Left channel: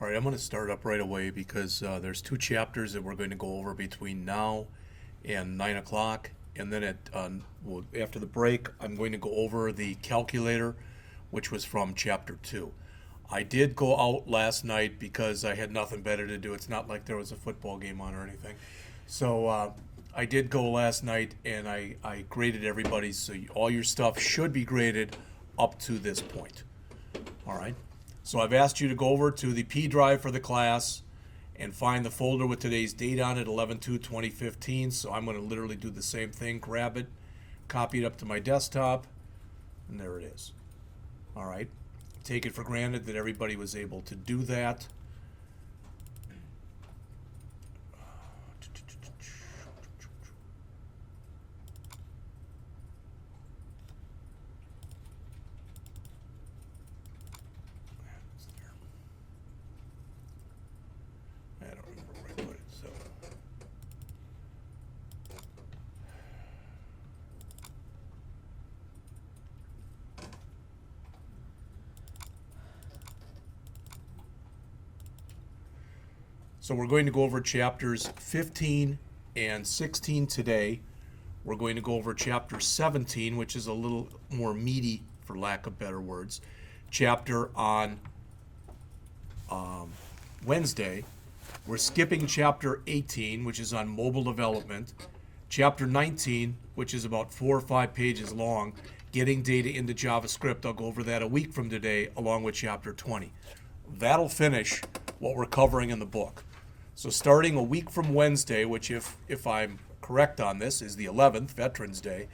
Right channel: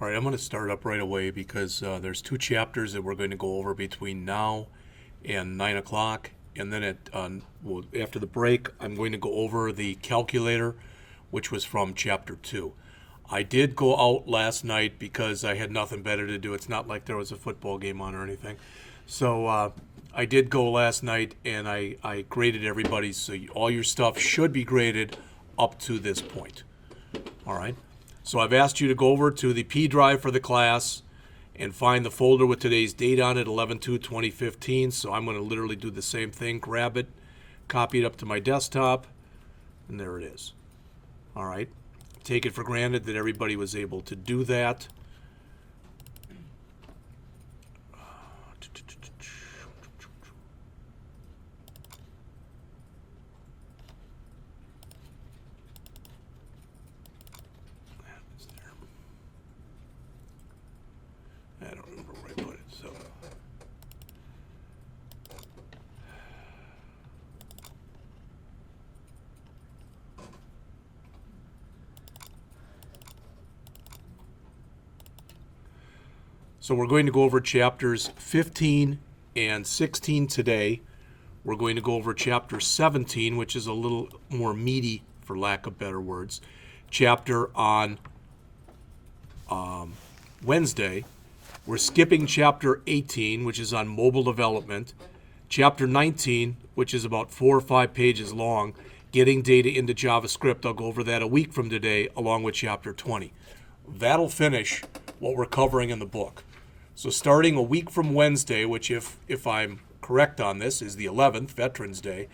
All right, I'm going to start up right away because there's two chapters that we're going to go over between now and 9 o'clock. And then after the break, I'm going to go over the calculator, which was from Chapter 2. I did go out last night because I had nothing better to do. It's not like there was a football game on or anything. So I did go last night and I graded everybody. So all your stuff should be graded up to this point. All right. So I've asked you to go over to the P drive for the class and find the folder with today's date on it, 11/2/2015. So I'm going to literally do the same thing, grab it, copy it up to my desktop, and there it is. All right. Take it for granted that everybody was able to do that. I don't remember where I put it, so. So we're going to go over chapters 15 and 16 today. We're going to go over chapter 17, which is a little more meaty, for lack of better words, chapter on Wednesday. We're skipping chapter 18, which is on mobile development. Chapter 19, which is about 4 or 5 pages long, getting data into JavaScript. I'll go over that a week from today, along with chapter 20. That'll finish what we're covering in the book. So starting a week from Wednesday, which if I'm correct on this, is the 11th, Veterans Day,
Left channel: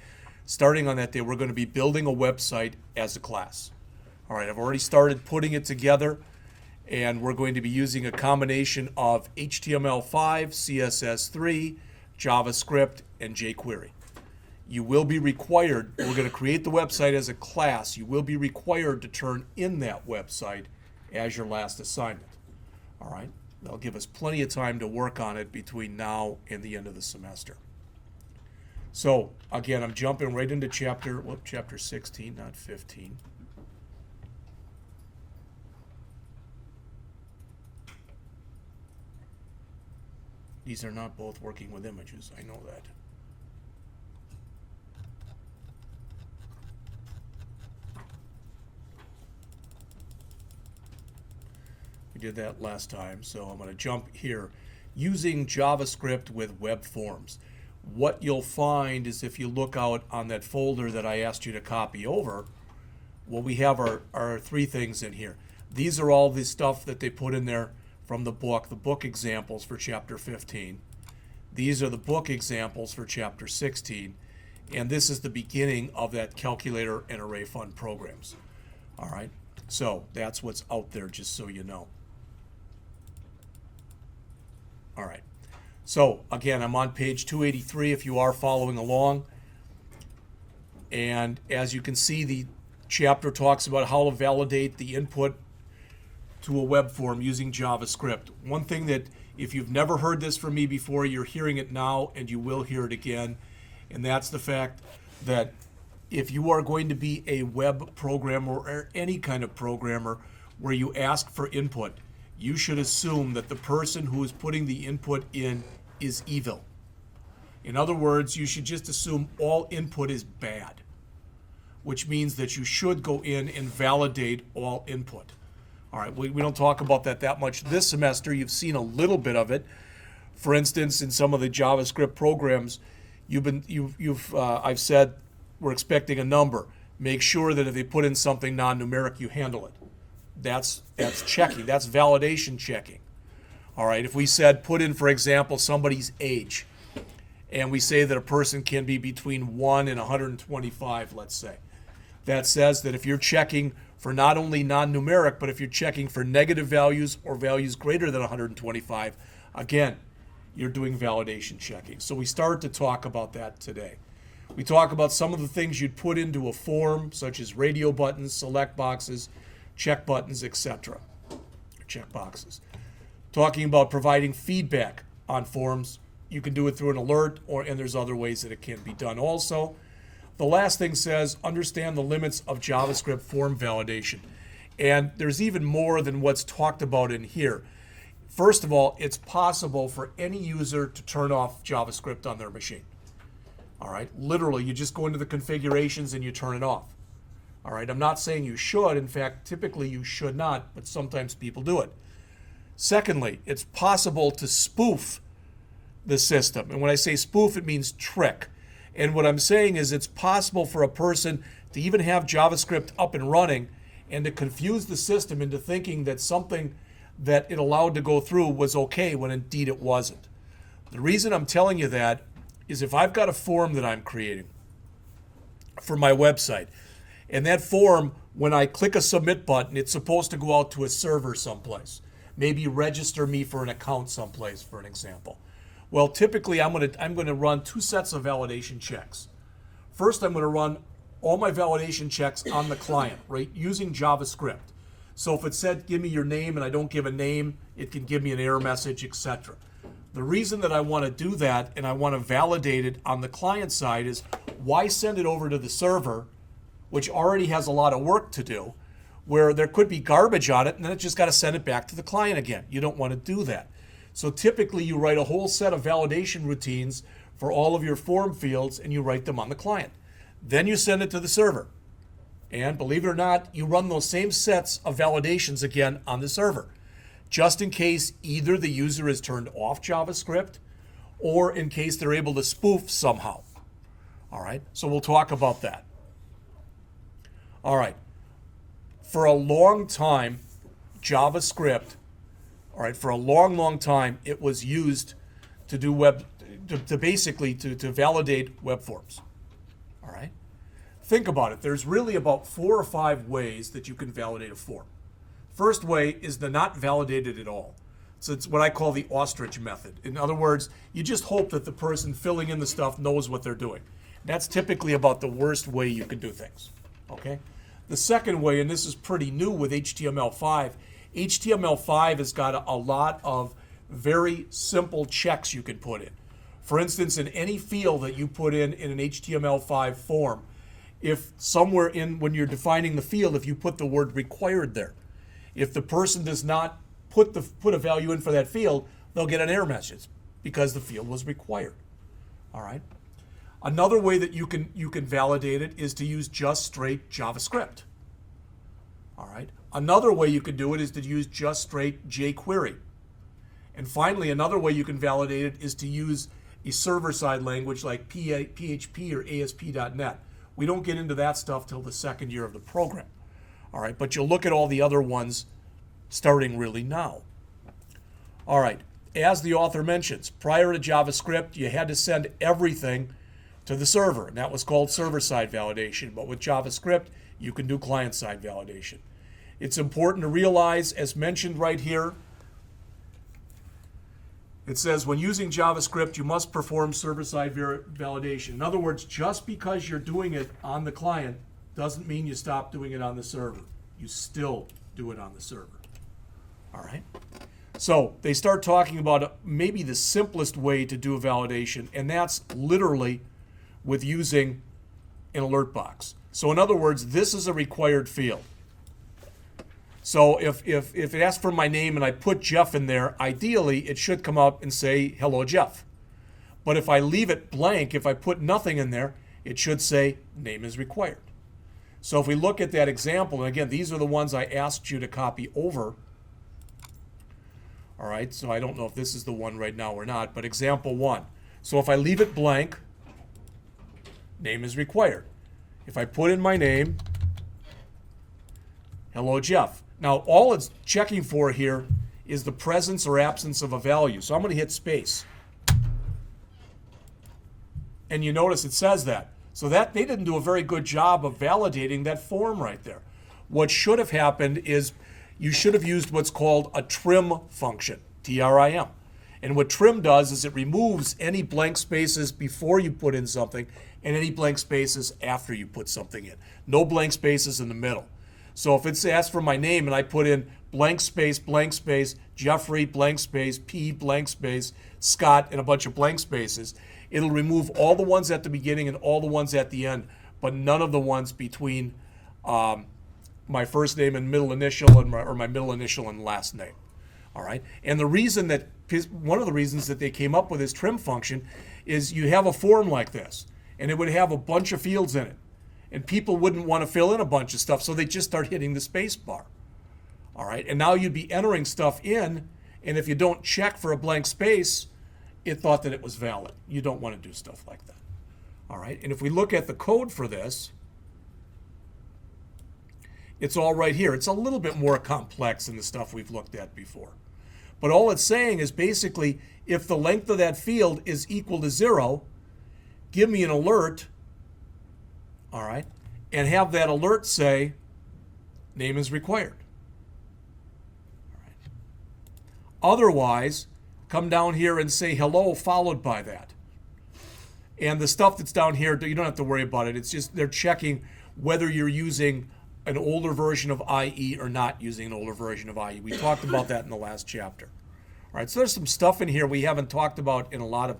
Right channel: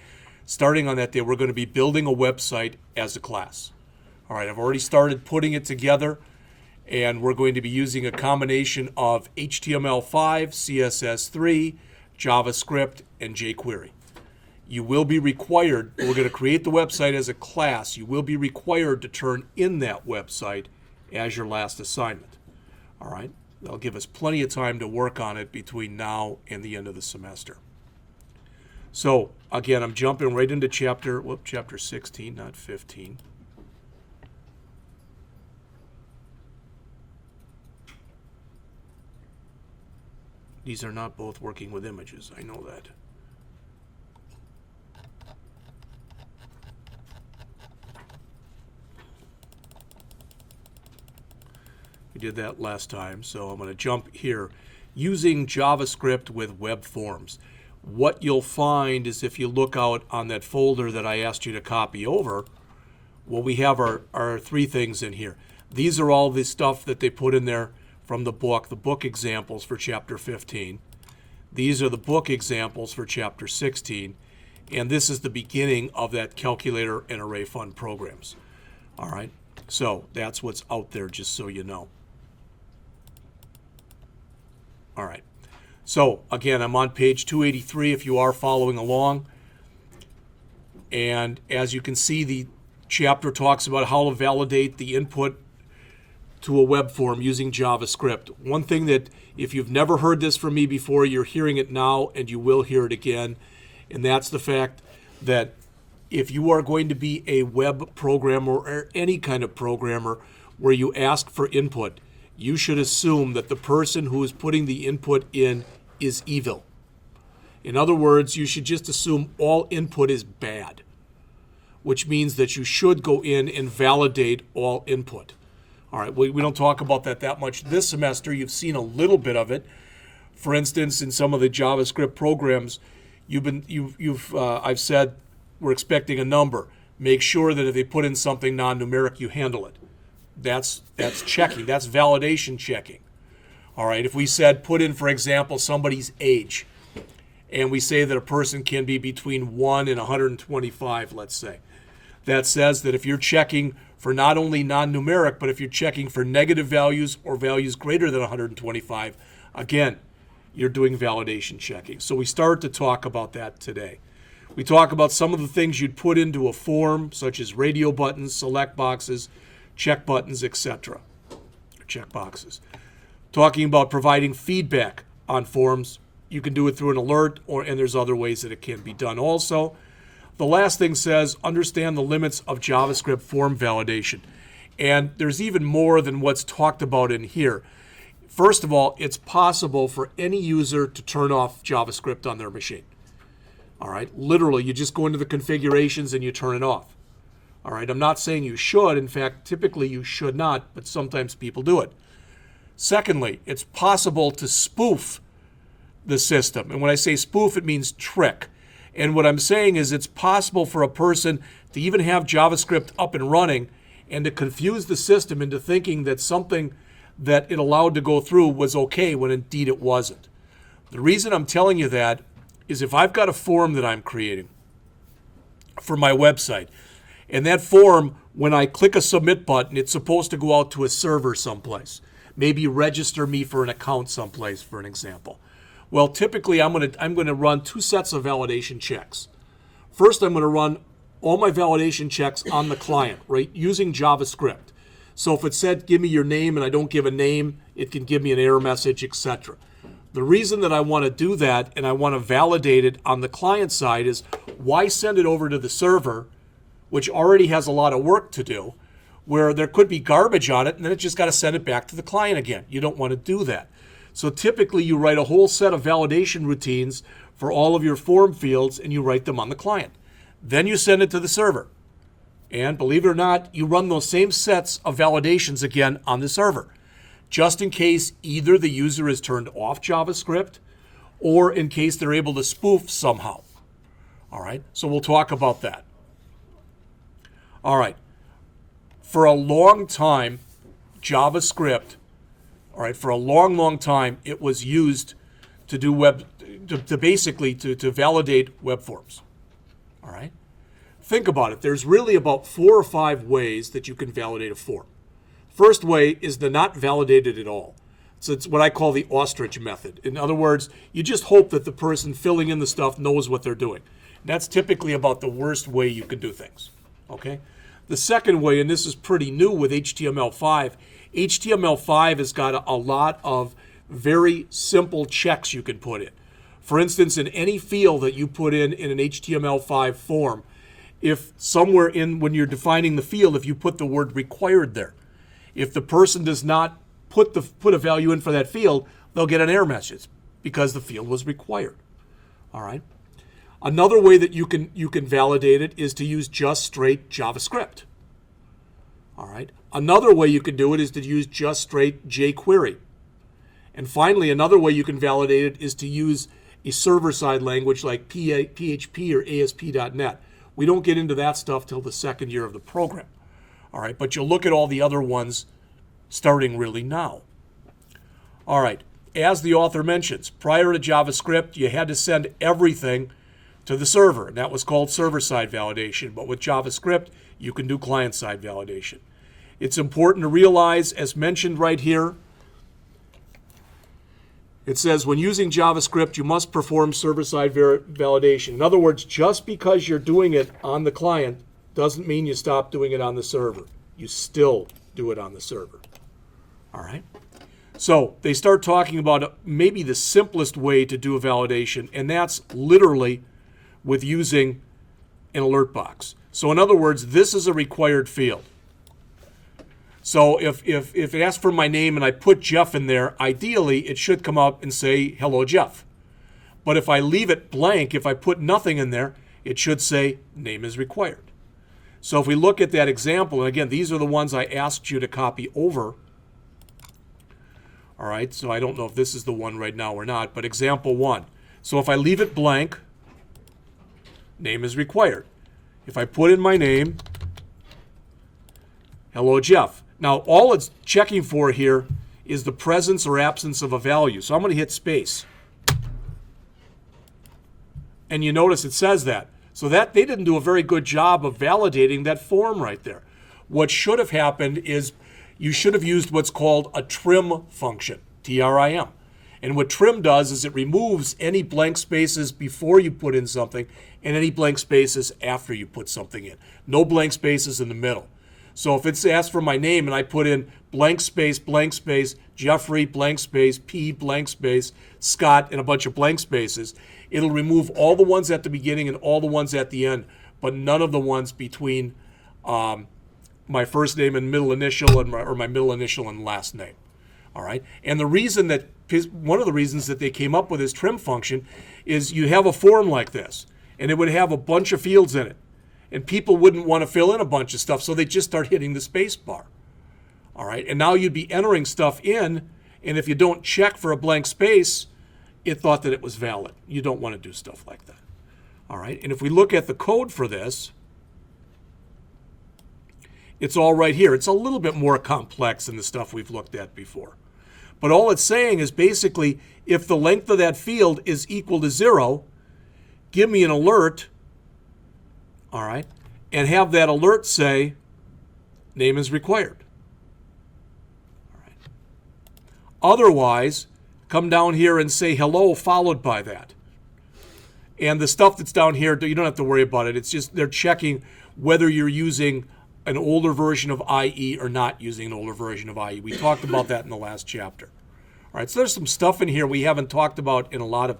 starting on that day, we're going to be building a website as a class. All right, I've already started putting it together. And we're going to be using a combination of HTML5, CSS3, JavaScript, and jQuery. You will be required, we're going to create the website as a class, you will be required to turn in that website as your last assignment. All right? That'll give us plenty of time to work on it between now and the end of the semester. So, again, I'm jumping right into chapter 16, not 15. These are not both working with images, I know that. We did that last time, so I'm going to jump here. Using JavaScript with web forms. What you'll find is if you look out on that folder that I asked you to copy over, what we have are 3 things in here. These are all the stuff that they put in there from the book examples for chapter 15. These are the book examples for chapter 16. And this is the beginning of that calculator and array fund programs. All right, so that's what's out there, just so you know. All right, so again, I'm on page 283 if you are following along. And as you can see, the chapter talks about how to validate the input to a web form using JavaScript. One thing that, if you've never heard this from me before, you're hearing it now and you will hear it again, and that's the fact that if you are going to be a web programmer or any kind of programmer where you ask for input, you should assume that the person who is putting the input in is evil. In other words, you should just assume all input is bad, which means that you should go in and validate all input. All right, we don't talk about that much this semester. You've seen a little bit of it. For instance, in some of the JavaScript programs, I've said we're expecting a number. Make sure that if they put in something non-numeric, you handle it. That's checking. That's validation checking. All right, if we said put in, for example, somebody's age, and we say that a person can be between 1 and 125, let's say, that says that if you're checking for not only non-numeric, but if you're checking for negative values or values greater than 125, again, you're doing validation checking. So we start to talk about that today. We talk about some of the things you'd put into a form, such as radio buttons, select boxes, check buttons, etc. Checkboxes. Talking about providing feedback on forms. You can do it through an alert, and there's other ways that it can be done also. The last thing says, understand the limits of JavaScript form validation. And there's even more than what's talked about in here. First of all, it's possible for any user to turn off JavaScript on their machine. All right, literally, you just go into the configurations and you turn it off. All right, I'm not saying you should. In fact, typically you should not, but sometimes people do it. Secondly, it's possible to spoof the system. And when I say spoof, it means trick. And what I'm saying is it's possible for a person to even have JavaScript up and running and to confuse the system into thinking that something that it allowed to go through was okay when indeed it wasn't. The reason I'm telling you that is if I've got a form that I'm creating for my website, and that form, when I click a submit button, it's supposed to go out to a server someplace. Maybe register me for an account someplace, for an example. Well, typically I'm going to run two sets of validation checks. First, I'm going to run all my validation checks on the client, right, using JavaScript. So if it said, give me your name, and I don't give a name, it can give me an error message, etc. The reason that I want to do that and I want to validate it on the client side is why send it over to the server, which already has a lot of work to do, where there could be garbage on it, and then it just got to send it back to the client again. You don't want to do that. So typically you write a whole set of validation routines for all of your form fields, and you write them on the client. Then you send it to the server. And believe it or not, you run those same sets of validations again on the server, just in case either the user is turned off JavaScript or in case they're able to spoof somehow. All right, so we'll talk about that. All right, for a long time, JavaScript, all right, for a long, long time, it was used to do basically validate web forms. All right. Think about it. There's really about 4 or 5 ways that you can validate a form. First way is the not validated at all. So it's what I call the ostrich method. In other words, you just hope that the person filling in the stuff knows what they're doing. That's typically about the worst way you can do things. Okay? The second way, and this is pretty new with HTML5, HTML5 has got a lot of very simple checks you can put in. For instance, in any field that you put in an HTML5 form, if somewhere in, when you're defining the field, if you put the word required there, if the person does not put a value in for that field, they'll get an error message because the field was required. All right. Another way that you can validate it is to use just straight JavaScript. All right. Another way you can do it is to use just straight jQuery. And finally, another way you can validate it is to use a server-side language like PHP or ASP.NET. We don't get into that stuff till the second year of the program. All right, but you'll look at all the other ones starting really now. All right, as the author mentions, prior to JavaScript, you had to send everything to the server, and that was called server-side validation. But with JavaScript, you can do client-side validation. It's important to realize, as mentioned right here, it says, when using JavaScript, you must perform server-side validation. In other words, just because you're doing it on the client doesn't mean you stop doing it on the server. You still do it on the server. All right? So they start talking about maybe the simplest way to do a validation, and that's literally with using an alert box. So in other words, this is a required field. So if it asks for my name and I put Jeff in there, ideally it should come up and say, hello, Jeff. But if I leave it blank, if I put nothing in there, it should say name is required. So if we look at that example, and again, these are the ones I asked you to copy over. All right, so I don't know if this is the one right now or not, but example 1. So if I leave it blank, name is required. If I put in my name, hello, Jeff. Now, all it's checking for here is the presence or absence of a value. So I'm going to hit space. And you notice it says that. So that they didn't do a very good job of validating that form right there. What should have happened is you should have used what's called a trim function, T-R-I-M. And what trim does is it removes any blank spaces before you put in something and any blank spaces after you put something in. No blank spaces in the middle. So if it's asked for my name and I put in blank space, Jeffrey, blank space, P, blank space, Scott, and a bunch of blank spaces, it'll remove all the ones at the beginning and all the ones at the end, but none of the ones between the my first name and middle initial and or my middle initial and last name. All right. And the reason that one of the reasons that they came up with this trim function is you have a form like this, and it would have a bunch of fields in it, and people wouldn't want to fill in a bunch of stuff, so they just start hitting the space bar. All right. And now you'd be entering stuff in, and if you don't check for a blank space, it thought that it was valid. You don't want to do stuff like that. All right. And if we look at the code for this, it's all right here. It's a little bit more complex than the stuff we've looked at before. But all it's saying is basically, if the length of that field is equal to 0, give me an alert, all right, and have that alert say, name is required. All right. Otherwise, come down here and say hello followed by that. And the stuff that's down here, you don't have to worry about it. It's just they're checking whether you're using an older version of IE or not using an older version of IE. We talked about that in the last chapter. All right, so there's some stuff in here we haven't talked about in a lot of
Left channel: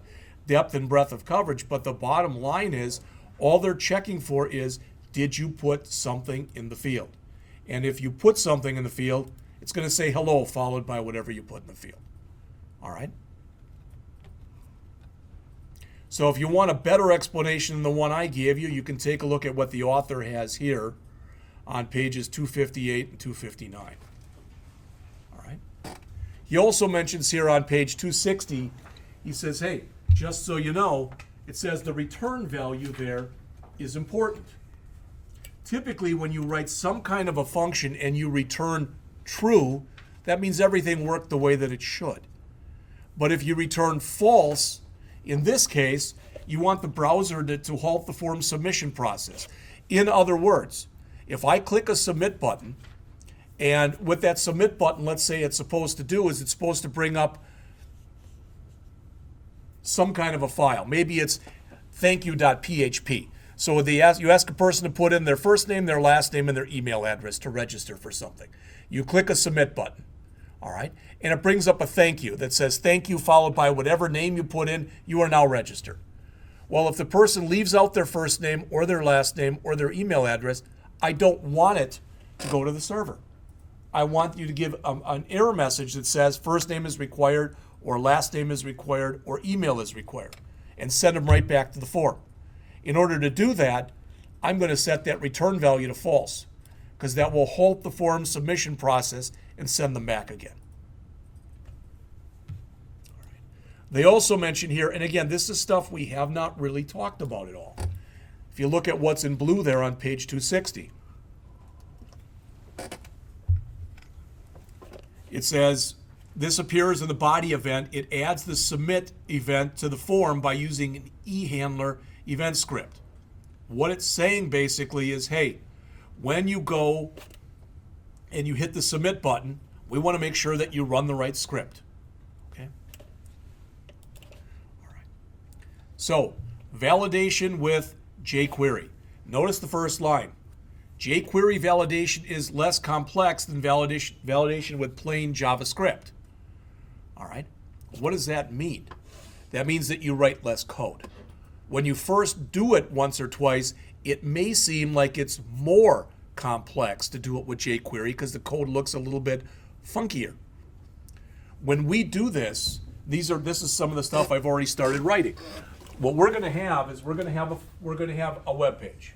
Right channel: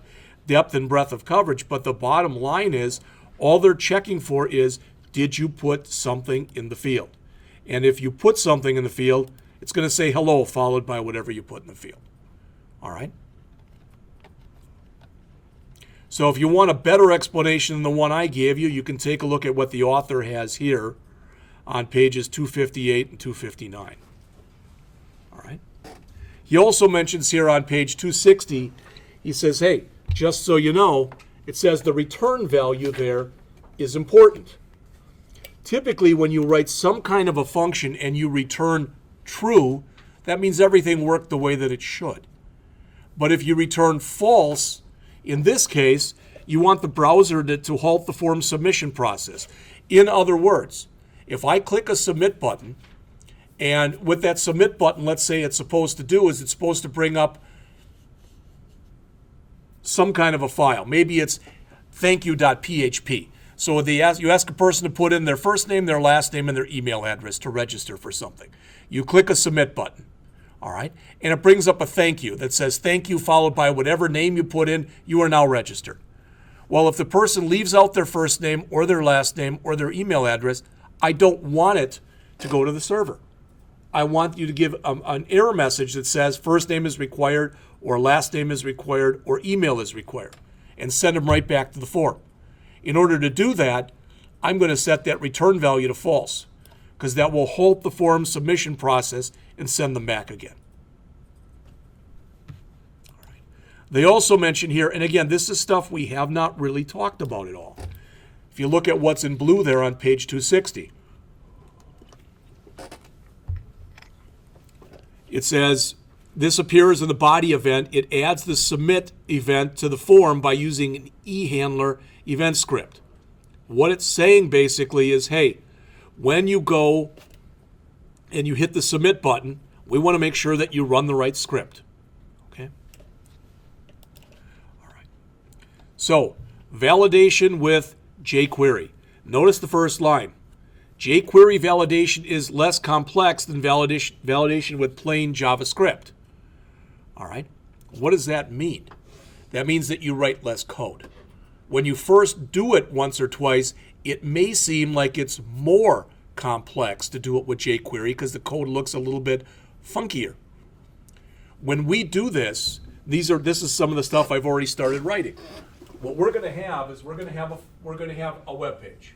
depth and breadth of coverage, but the bottom line is all they're checking for is, did you put something in the field? And if you put something in the field, it's going to say hello followed by whatever you put in the field. All right? So if you want a better explanation than the one I gave you, you can take a look at what the author has here on pages 258 and 259. All right. He also mentions here on page 260, he says, hey, just so you know, it says the return value there is important. Typically, when you write some kind of a function and you return true, that means everything worked the way that it should. But if you return false, in this case, you want the browser to halt the form submission process. In other words, if I click a submit button, and with that submit button, let's say it's supposed to do is it's supposed to bring up some kind of a file. Maybe it's thankyou.php. So you ask a person to put in their first name, their last name, and their email address to register for something. You click a submit button, all right? And it brings up a thank you that says thank you followed by whatever name you put in, you are now registered. Well, if the person leaves out their first name or their last name or their email address, I don't want it to go to the server. I want you to give an error message that says first name is required or last name is required or email is required and send them right back to the form. In order to do that, I'm going to set that return value to false because that will halt the form submission process and send them back again. All right. They also mention here, and again, this is stuff we have not really talked about at all. If you look at what's in blue there on page 260, it says, this appears in the body event. It adds the submit event to the form by using an eHandler event script. What it's saying basically is, hey, when you go and you hit the submit button, we want to make sure that you run the right script. Okay? All right. So, validation with jQuery. Notice the first line. jQuery validation is less complex than validation with plain JavaScript. All right? What does that mean? That means that you write less code. When you first do it once or twice, it may seem like it's more complex to do it with jQuery because the code looks a little bit funkier. When we do this, this is some of the stuff I've already started writing. What we're going to have is we're going to have a web page.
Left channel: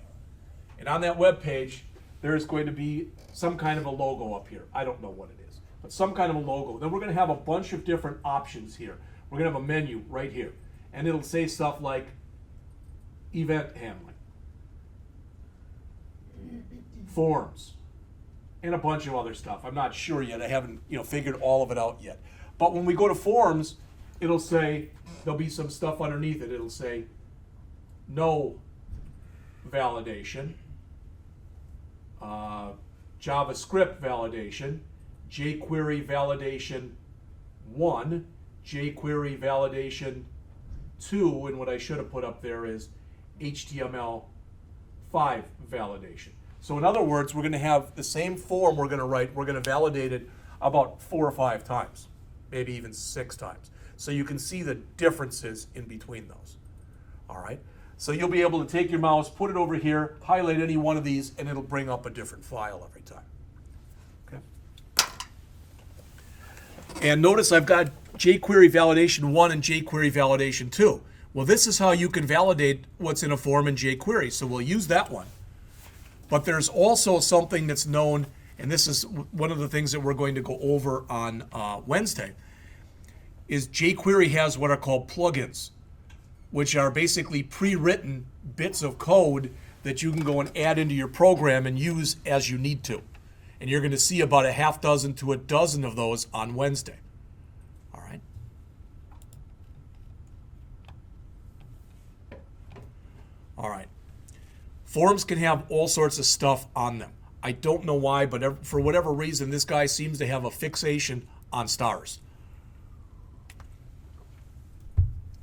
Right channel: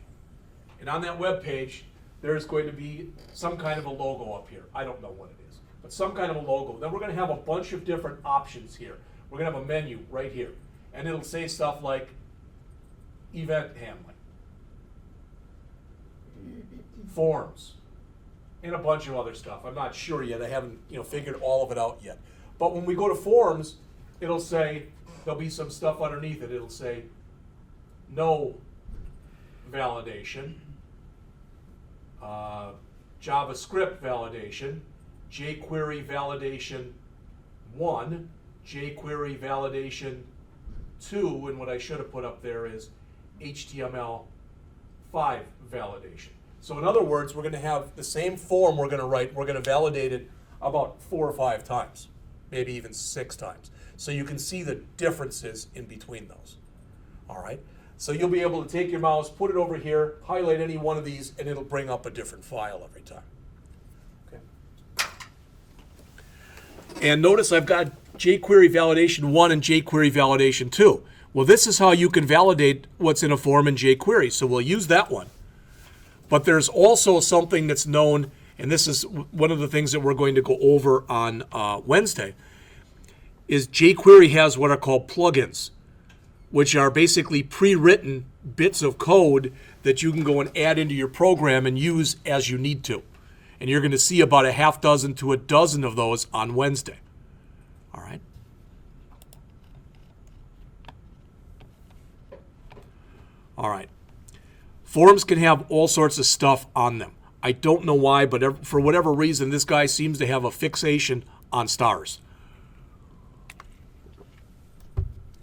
And on that web page, there's going to be some kind of a logo up here. I don't know what it is, but some kind of a logo. Then we're going to have a bunch of different options here. We're going to have a menu right here. And it'll say stuff like event handling, forms, and a bunch of other stuff. I'm not sure yet. I haven't figured all of it out yet. But when we go to forms, it'll say, there'll be some stuff underneath it. It'll say no validation, JavaScript validation, jQuery validation 1, jQuery validation 2, and what I should have put up there is HTML5 validation. So in other words, we're going to have the same form we're going to write. We're going to validate it about 4 or 5 times, maybe even 6 times. So you can see the differences in between those. All right. So you'll be able to take your mouse, put it over here, highlight any one of these, and it'll bring up a different file every time. Okay. And notice I've got jQuery Validation 1 and jQuery Validation 2. Well, this is how you can validate what's in a form in jQuery, so we'll use that one. But there's also something that's known, and this is one of the things that we're going to go over on Wednesday, is jQuery has what are called plugins, which are basically pre-written bits of code that you can go and add into your program and use as you need to. And you're going to see about a half dozen to a dozen of those on Wednesday. All right. All right. Forms can have all sorts of stuff on them. I don't know why, but for whatever reason, this guy seems to have a fixation on stars.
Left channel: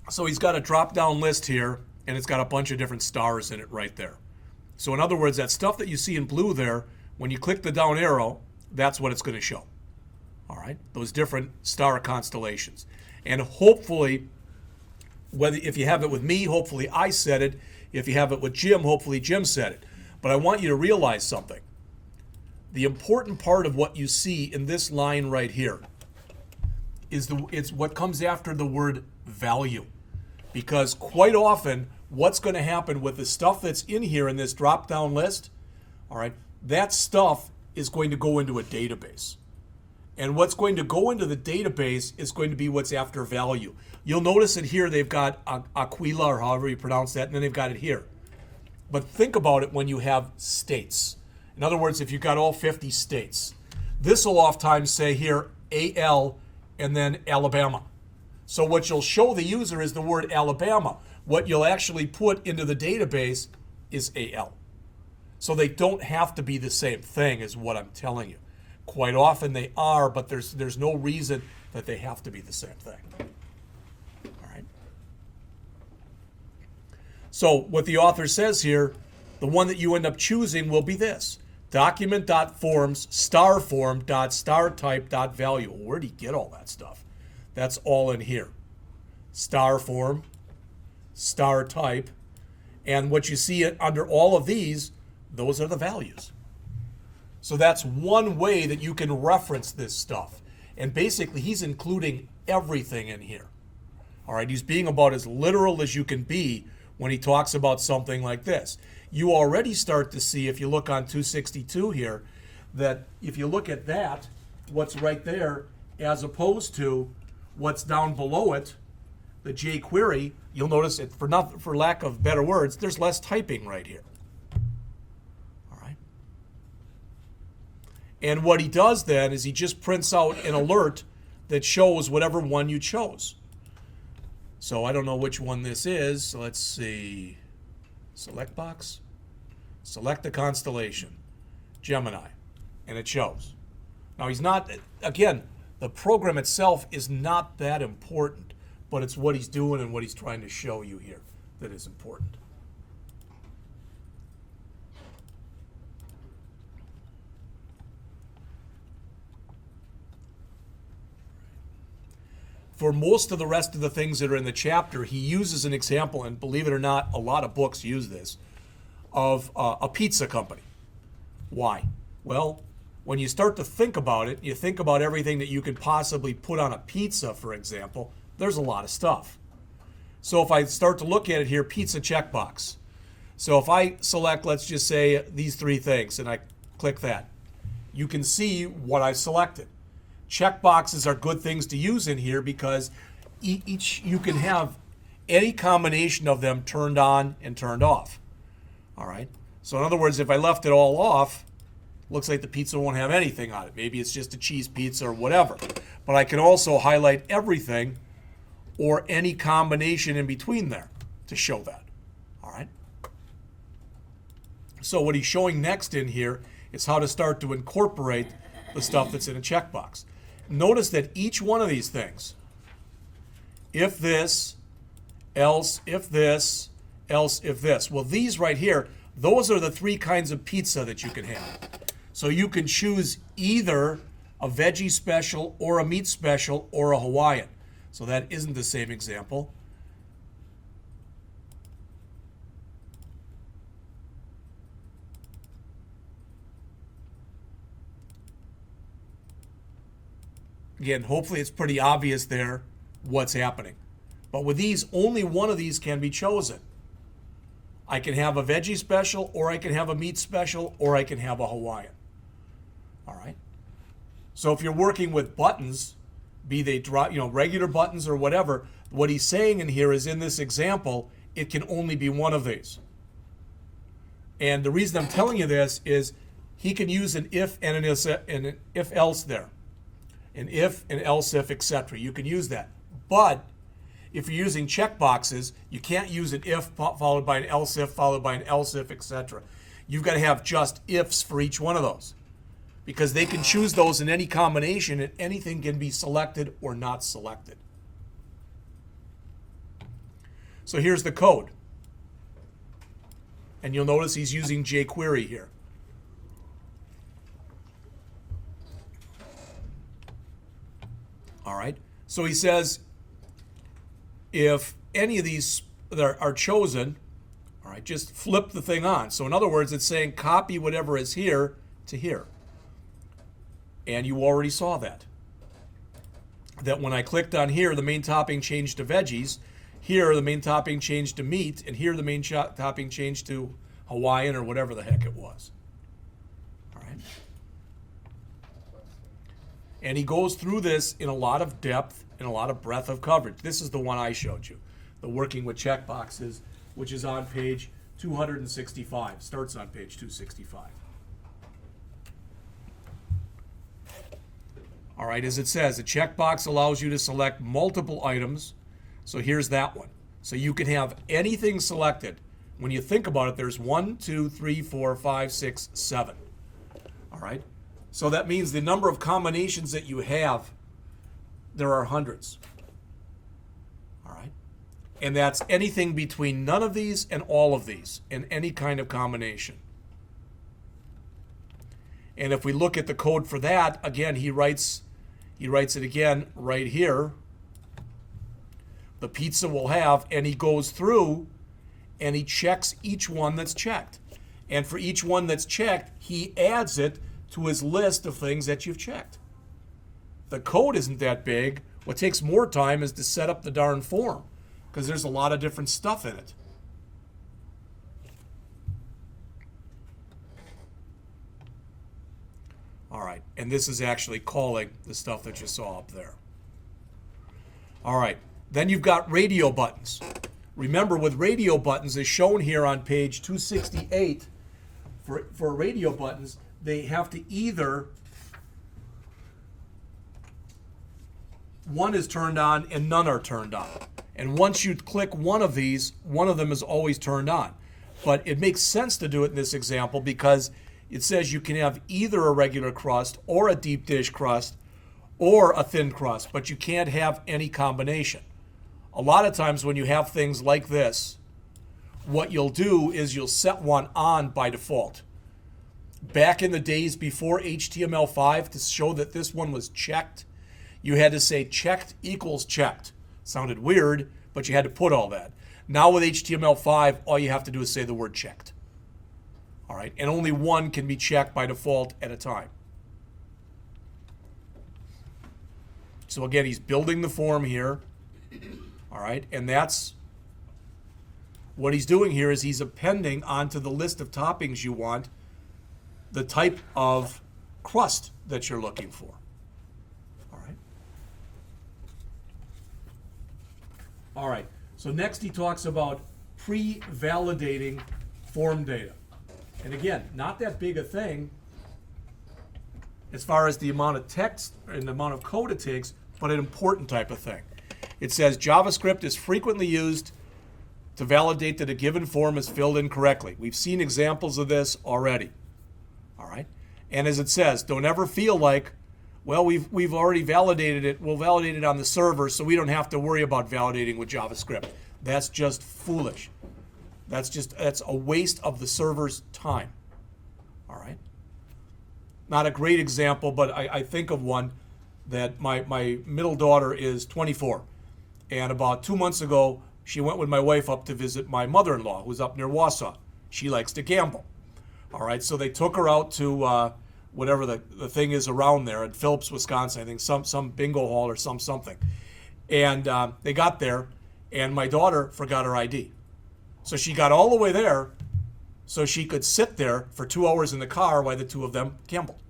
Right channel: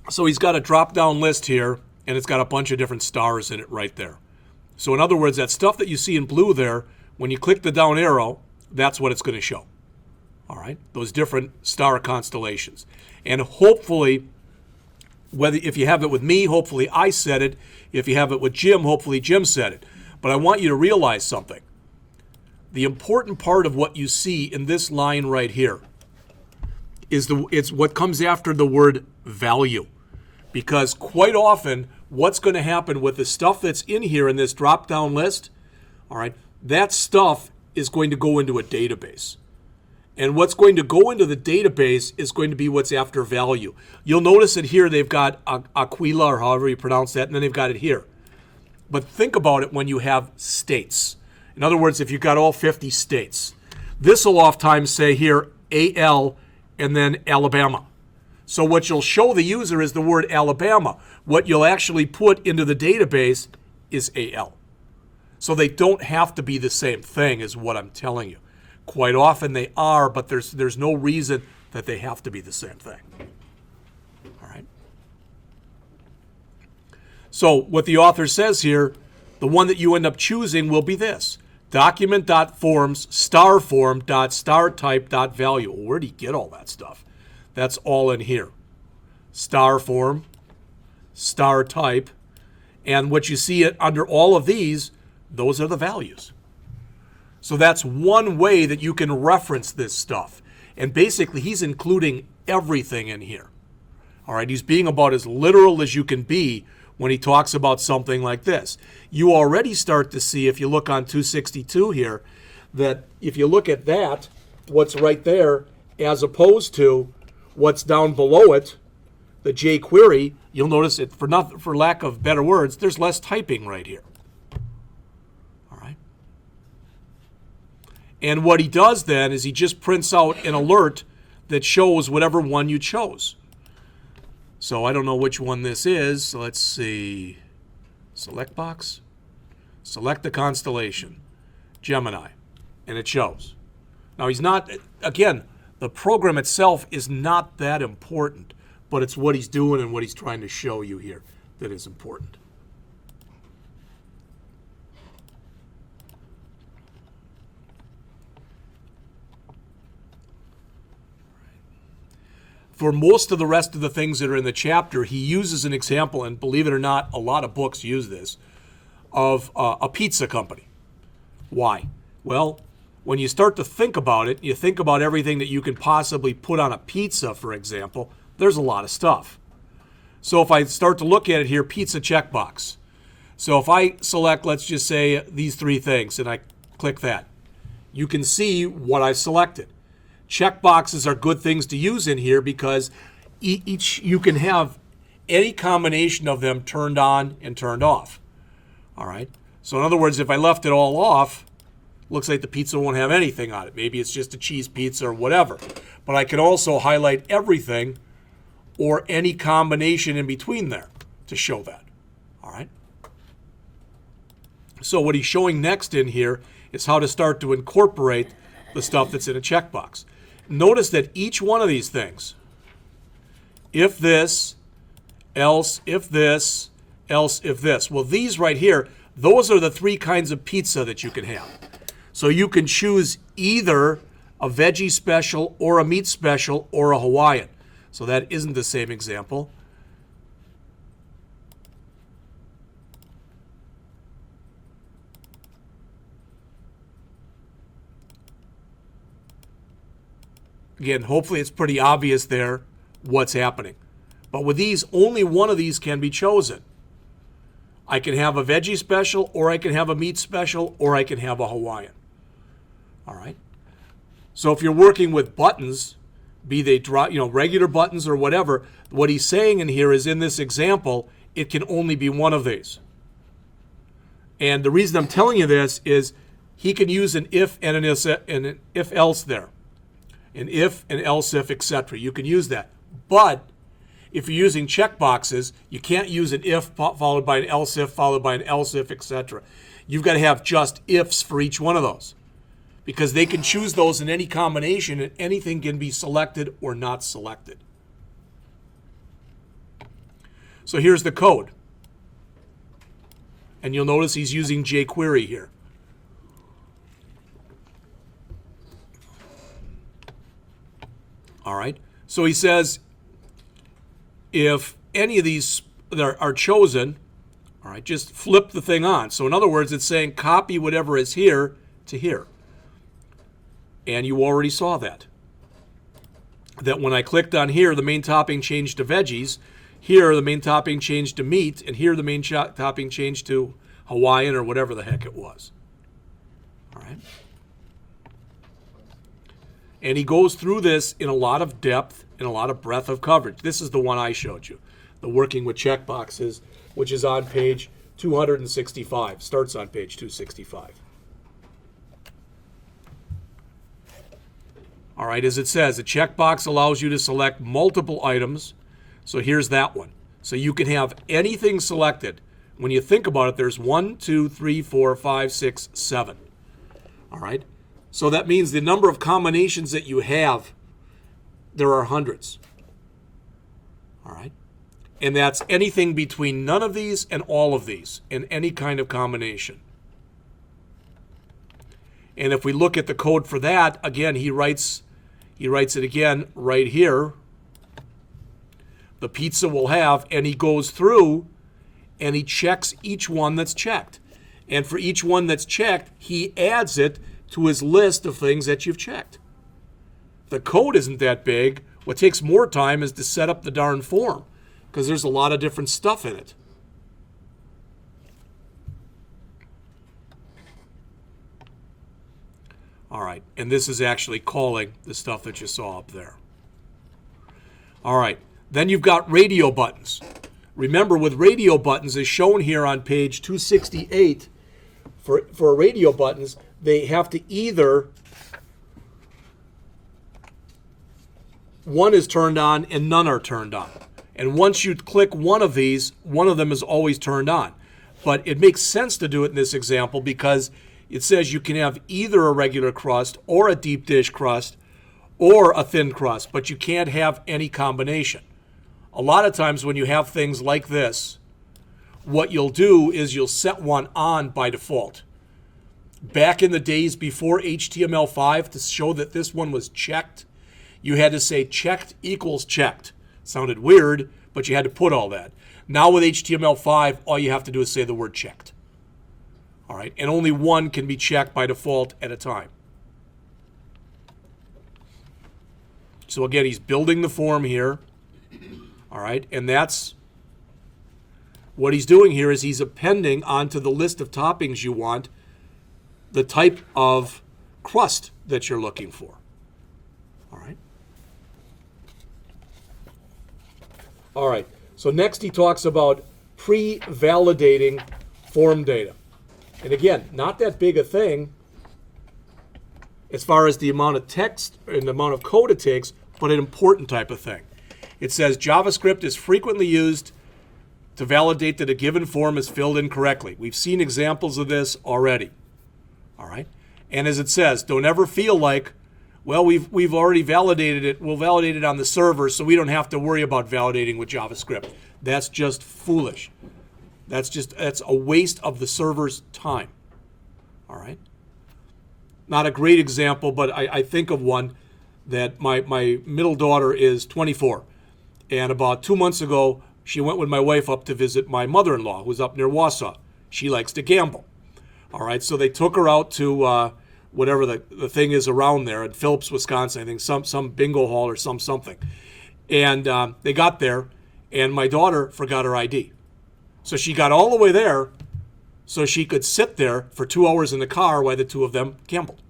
So he's got a drop-down list here, and it's got a bunch of different stars in it right there. So in other words, that stuff that you see in blue there, when you click the down arrow, that's what it's going to show. All right, those different star constellations. And hopefully, if you have it with me, hopefully I said it. If you have it with Jim, hopefully Jim said it. But I want you to realize something. The important part of what you see in this line right here is it's what comes after the word value. Because quite often, what's going to happen with the stuff that's in here in this drop-down list, all right, that stuff is going to go into a database. And what's going to go into the database is going to be what's after value. You'll notice that here they've got Aquila, or however you pronounce that, and then they've got it here. But think about it when you have states. In other words, if you've got all 50 states, this will oftentimes say here AL and then Alabama. So what you'll show the user is the word Alabama. What you'll actually put into the database is AL. So they don't have to be the same thing, is what I'm telling you. Quite often they are, but there's no reason that they have to be the same thing. All right. So what the author says here, the one that you end up choosing will be this. Document.forms starform.startype.value. Well, where do you get all that stuff? That's all in here. Star form, star type, and what you see under all of these, those are the values. So that's one way that you can reference this stuff. And basically, he's including everything in here. All right, he's being about as literal as you can be when he talks about something like this. You already start to see, if you look on 262 here, that if you look at that, what's right there, as opposed to what's down below it, the jQuery, you'll notice it, for lack of better words, there's less typing right here. All right. And what he does then is he just prints out an alert that shows whatever one you chose. So I don't know which one this is. So let's see. Select box. Select the constellation. Gemini. And it shows. Now he's not, again, the program itself is not that important, but it's what he's doing and what he's trying to show you here that is important. For most of the rest of the things that are in the chapter, he uses an example, and believe it or not, a lot of books use this, of a pizza company. Why? Well, when you start to think about it, you think about everything that you can possibly put on a pizza, for example, there's a lot of stuff. So if I start to look at it here, pizza checkbox. So if I select, let's just say, these three things, and I click that, you can see what I've selected. Checkboxes are good things to use in here because you can have any combination of them turned on and turned off. All right. So in other words, if I left it all off, looks like the pizza won't have anything on it. Maybe it's just a cheese pizza or whatever. But I can also highlight everything or any combination in between there to show that. All right. So what he's showing next in here is how to start to incorporate the stuff that's in a checkbox. Notice that each one of these things, if this, else, if this, else, if this. Well, these right here, those are the three kinds of pizza that you can have. So you can choose either a veggie special or a meat special or a Hawaiian. So that isn't the same example. Again, hopefully it's pretty obvious there what's happening. But with these, only one of these can be chosen. I can have a veggie special, or I can have a meat special, or I can have a Hawaiian. All right? So if you're working with buttons, be they regular buttons or whatever, what he's saying in here is, in this example, it can only be one of these. And the reason I'm telling you this is he can use an if and an if else there. An if, an else if, etc. You can use that. But if you're using checkboxes, you can't use an if followed by an else if followed by an else if, etc. You've got to have just ifs for each one of those, because they can choose those in any combination and anything can be selected or not selected. So here's the code. And you'll notice he's using jQuery here. All right. So he says if any of these are chosen, all right, just flip the thing on. So in other words, it's saying copy whatever is here to here. And you already saw that. That when I clicked on here, the main topping changed to veggies. Here, the main topping changed to meat. And here, the main topping changed to Hawaiian or whatever the heck it was. All right. And he goes through this in a lot of depth and a lot of breadth of coverage. This is the one I showed you, the working with checkboxes, which is on page 265. Starts on page 265. All right, as it says, a checkbox allows you to select multiple items. So here's that one. So you can have anything selected. When you think about it, there's 1, 2, 3, 4, 5, 6, 7. All right. So that means the number of combinations that you have, there are hundreds. All right. And that's anything between none of these and all of these in any kind of combination. And if we look at the code for that, again, he writes it again right here. The pizza will have, and he goes through and he checks each one that's checked. And for each one that's checked, he adds it to his list of things that you've checked. The code isn't that big. What takes more time is to set up the darn form, because there's a lot of different stuff in it. All right, and this is actually calling the stuff that you saw up there. All right, then you've got radio buttons. Remember, with radio buttons, as shown here on page 268, for radio buttons, they have to either, one is turned on and none are turned on. And once you click one of these, one of them is always turned on. But it makes sense to do it in this example because it says you can have either a regular crust or a deep dish crust or a thin crust, but you can't have any combination. A lot of times when you have things like this, what you'll do is you'll set one on by default. Back in the days before HTML5, to show that this one was checked, you had to say checked equals checked. Sounded weird, but you had to put all that. Now with HTML5, all you have to do is say the word checked. All right, and only one can be checked by default at a time. So again, he's building the form here. All right, and that's what he's doing here is he's appending onto the list of toppings you want the type of crust that you're looking for. All right. All right, so next he talks about pre-validating form data. And again, not that big a thing as far as the amount of text and the amount of code it takes, but an important type of thing. It says JavaScript is frequently used to validate that a given form is filled in correctly. We've seen examples of this already. All right. And as it says, don't ever feel like, well, we've already validated it. We'll validate it on the server, so we don't have to worry about validating with JavaScript. That's just foolish. That's a waste of the server's time. All right. Not a great example, but I think of one that my middle daughter is 24. And about 2 months ago, she went with my wife up to visit my mother-in-law, who's up near Wausau. She likes to gamble. All right, so they took her out to whatever the thing is around there in Phillips, Wisconsin. I think some bingo hall or something. And they got there, and my daughter forgot her ID. So she got all the way there so she could sit there for 2 hours in the car while the two of them gambled.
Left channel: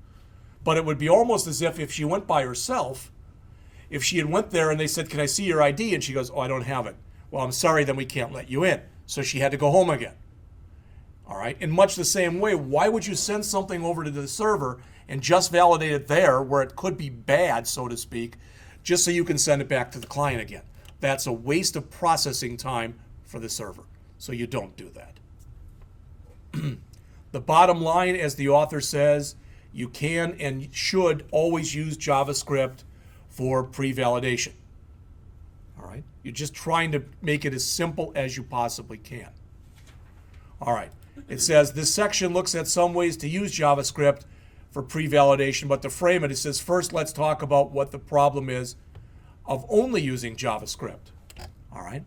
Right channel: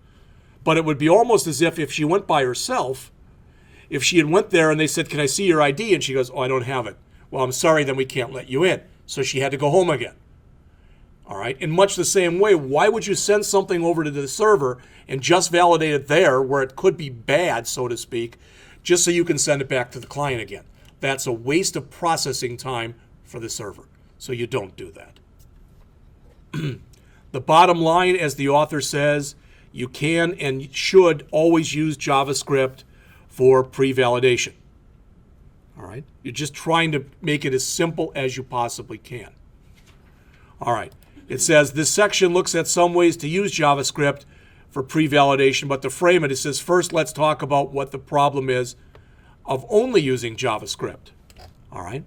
But it would be almost as if she went by herself, if she had went there and they said, "Can I see your ID?" and she goes, "Oh, I don't have it." "Well, I'm sorry, then we can't let you in." So she had to go home again. All right. In much the same way, why would you send something over to the server and just validate it there where it could be bad, so to speak, just so you can send it back to the client again? That's a waste of processing time for the server. So you don't do that. The bottom line, as the author says, you can and should always use JavaScript for pre-validation. All right. You're just trying to make it as simple as you possibly can. All right. It says this section looks at some ways to use JavaScript for pre-validation, but to frame it, it says first let's talk about what the problem is of only using JavaScript. All right.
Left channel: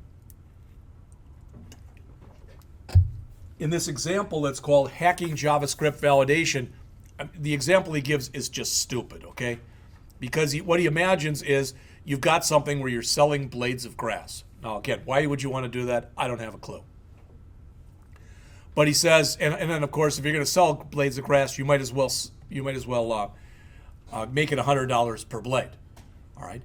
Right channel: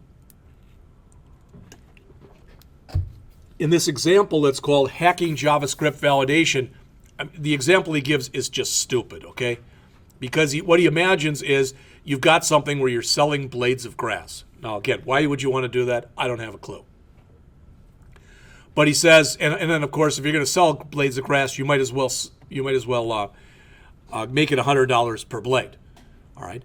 In this example that's called hacking JavaScript validation, the example he gives is just stupid, okay? Because what he imagines is you've got something where you're selling blades of grass. Now, again, why would you want to do that? I don't have a clue. But he says, and then of course, if you're going to sell blades of grass, you might as well make it $100 per blade. All right.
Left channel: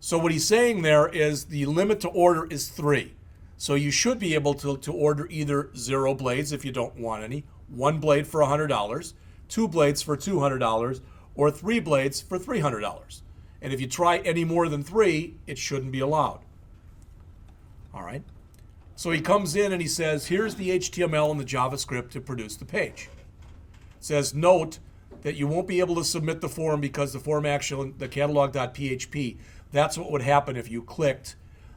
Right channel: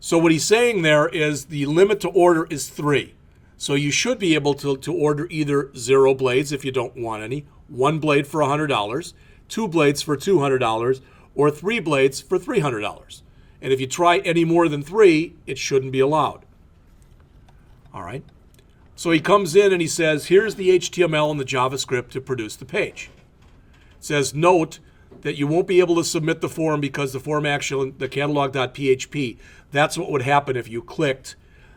So what he's saying there is the limit to order is 3. So you should be able to order either 0 blades if you don't want any, 1 blade for $100, 2 blades for $200, or 3 blades for $300. And if you try any more than 3, it shouldn't be allowed. All right. So he comes in and he says, here's the HTML and the JavaScript to produce the page. It says, note that you won't be able to submit the form because the form actually, the catalog.php, that's what would happen if you clicked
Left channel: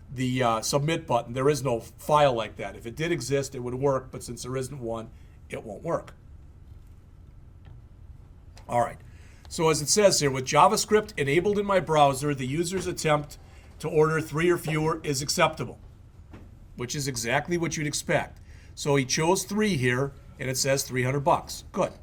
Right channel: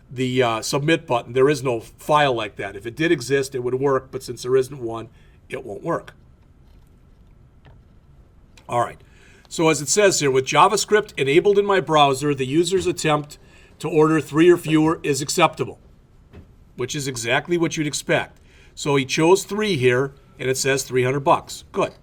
the submit button. There is no file like that. If it did exist, it would work, but since there isn't one, it won't work. All right. So as it says here, with JavaScript enabled in my browser, the user's attempt to order 3 or fewer is acceptable, which is exactly what you'd expect. So he chose 3 here, and it says $300. Good.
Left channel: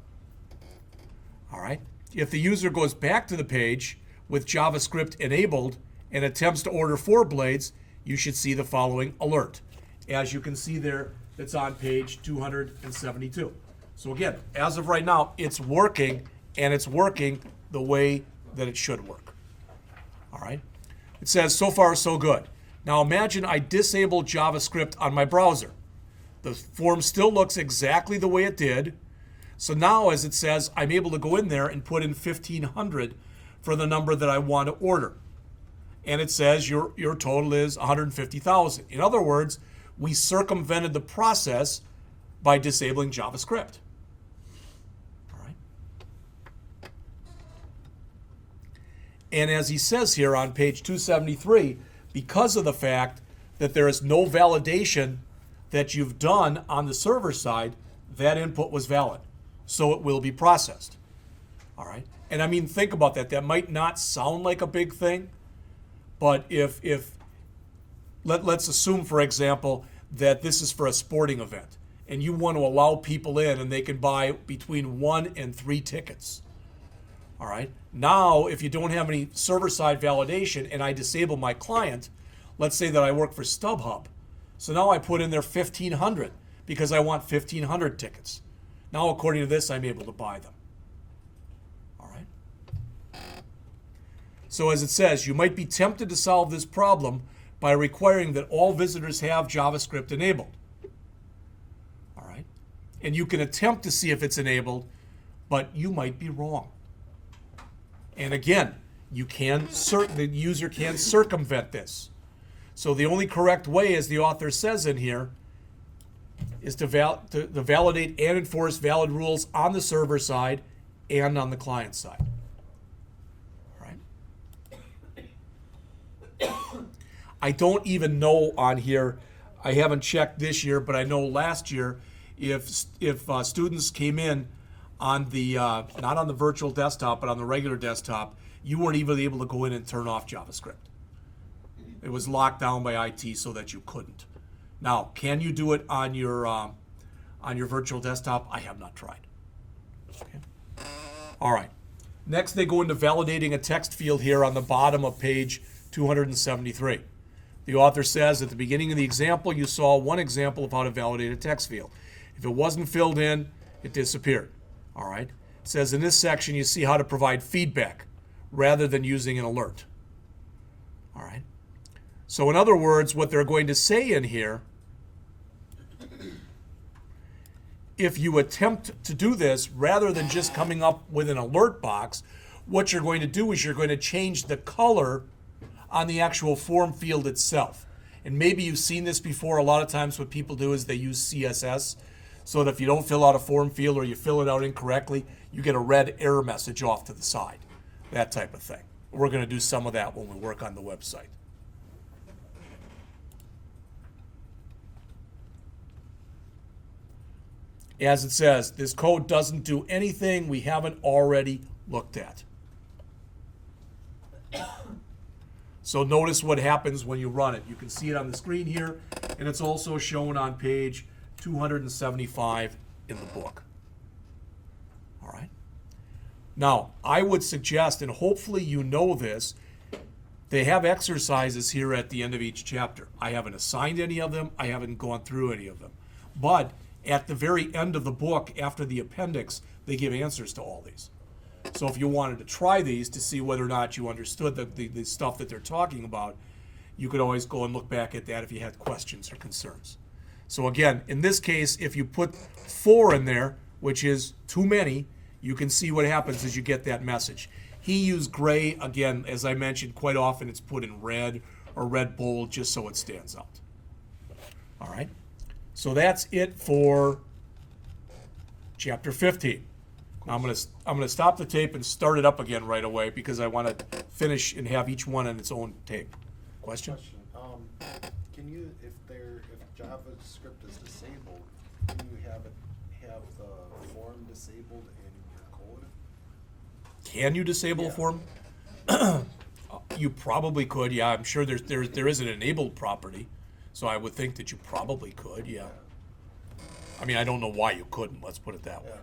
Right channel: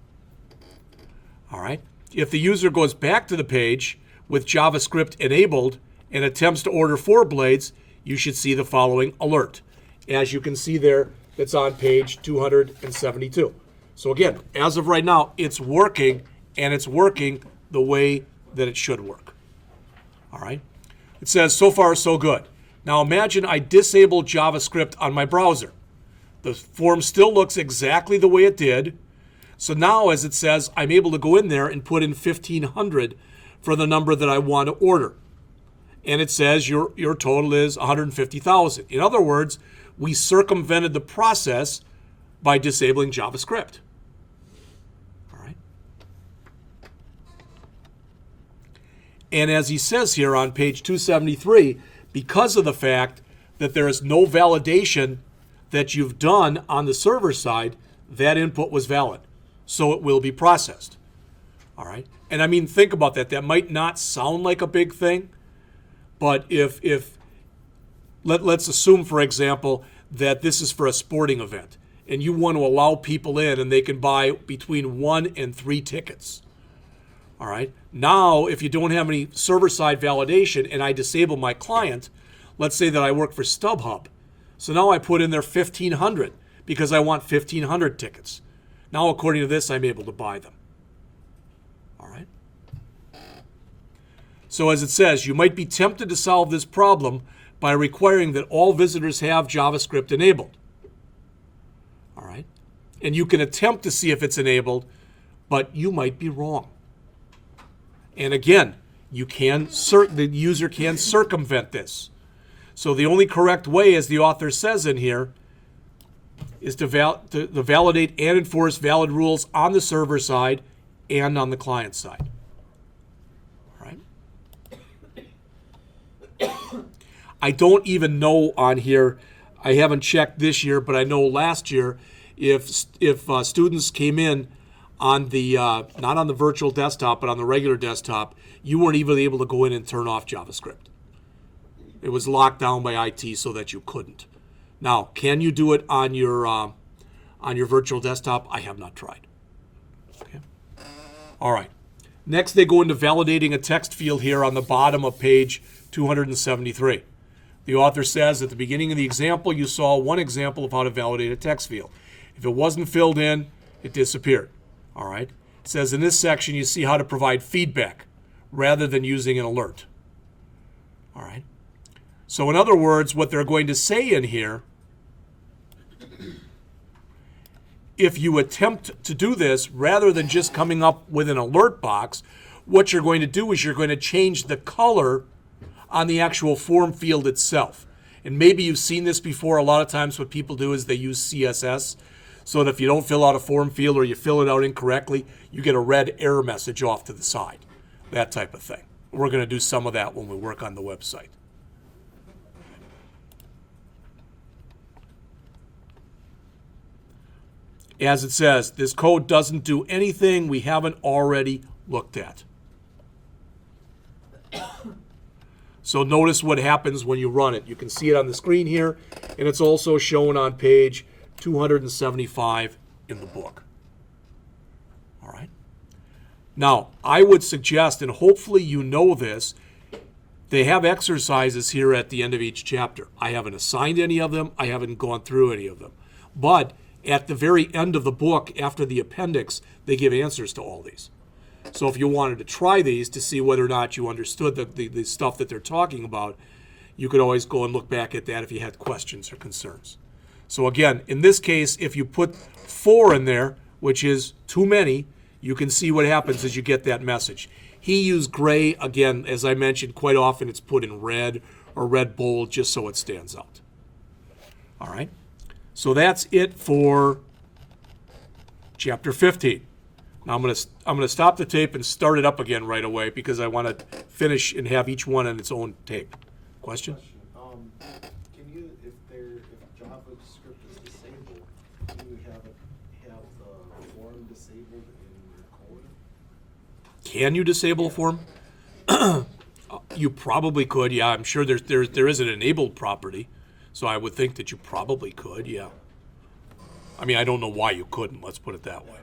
All right. If the user goes back to the page with JavaScript enabled and attempts to order 4 blades, you should see the following alert. As you can see there, it's on page 272. So again, as of right now, it's working, and it's working the way that it should work. All right. It says, so far, so good. Now imagine I disable JavaScript on my browser. The form still looks exactly the way it did. So now, as it says, I'm able to go in there and put in 1,500 for the number that I want to order. And it says your total is 150,000. In other words, we circumvented the process by disabling JavaScript. All right. And as he says here on page 273, because of the fact that there is no validation that you've done on the server side, that input was valid. So it will be processed. All right. And I mean, think about that. That might not sound like a big thing, but let's assume, for example, that this is for a sporting event and you want to allow people in and they can buy between 1 and 3 tickets. All right. Now, if you don't have any server-side validation and I disable my client, let's say that I work for StubHub. So now I put in there 1,500 because I want 1,500 tickets. Now, according to this, I'm able to buy them. All right. So as it says, you might be tempted to solve this problem by requiring that all visitors have JavaScript enabled. All right. And you can attempt to see if it's enabled, but you might be wrong. And again, the user can circumvent this. So the only correct way, as the author says in here, is to validate and enforce valid rules on the server side and on the client side. All right. I don't even know on here, I haven't checked this year, but I know last year, if students came in on the, not on the virtual desktop, but on the regular desktop, you weren't even able to go in and turn off JavaScript. It was locked down by IT so that you couldn't. Now, can you do it on your virtual desktop? I have not tried. Okay. All right. Next, they go into validating a text field here on the bottom of page 273. The author says at the beginning of the example, you saw one example of how to validate a text field. If it wasn't filled in, it disappeared. All right. It says in this section, you see how to provide feedback rather than using an alert. All right. So in other words, what they're going to say in here, if you attempt to do this, rather than just coming up with an alert box, what you're going to do is you're going to change the color on the actual form field itself. And maybe you've seen this before. A lot of times what people do is they use CSS, so that if you don't fill out a form field or you fill it out incorrectly, you get a red error message off to the side, that type of thing. We're going to do some of that when we work on the website. As it says, this code doesn't do anything we haven't already looked at. So notice what happens when you run it. You can see it on the screen here, and it's also shown on page 275 in the book. All right. Now, I would suggest, and hopefully you know this, they have exercises here at the end of each chapter. I haven't assigned any of them. I haven't gone through any of them. But at the very end of the book, after the appendix, they give answers to all these. So if you wanted to try these to see whether or not you understood the stuff that they're talking about, you could always go and look back at that if you had questions or concerns. So again, in this case, if you put 4 in there, which is too many, you can see what happens as you get that message. He used gray. Again, as I mentioned, quite often it's put in red or red bold just so it stands out. All right. So that's it for chapter 15. Now I'm going to stop the tape and start it up again right away because I want to finish and have each one on its own tape. Question? Can you, if JavaScript is disabled, can you have the form disabled in your code? Can you disable a form? You probably could. Yeah, I'm sure there is an enabled property. So I would think that you probably could, yeah. I mean, I don't know why you couldn't. Let's put it that way.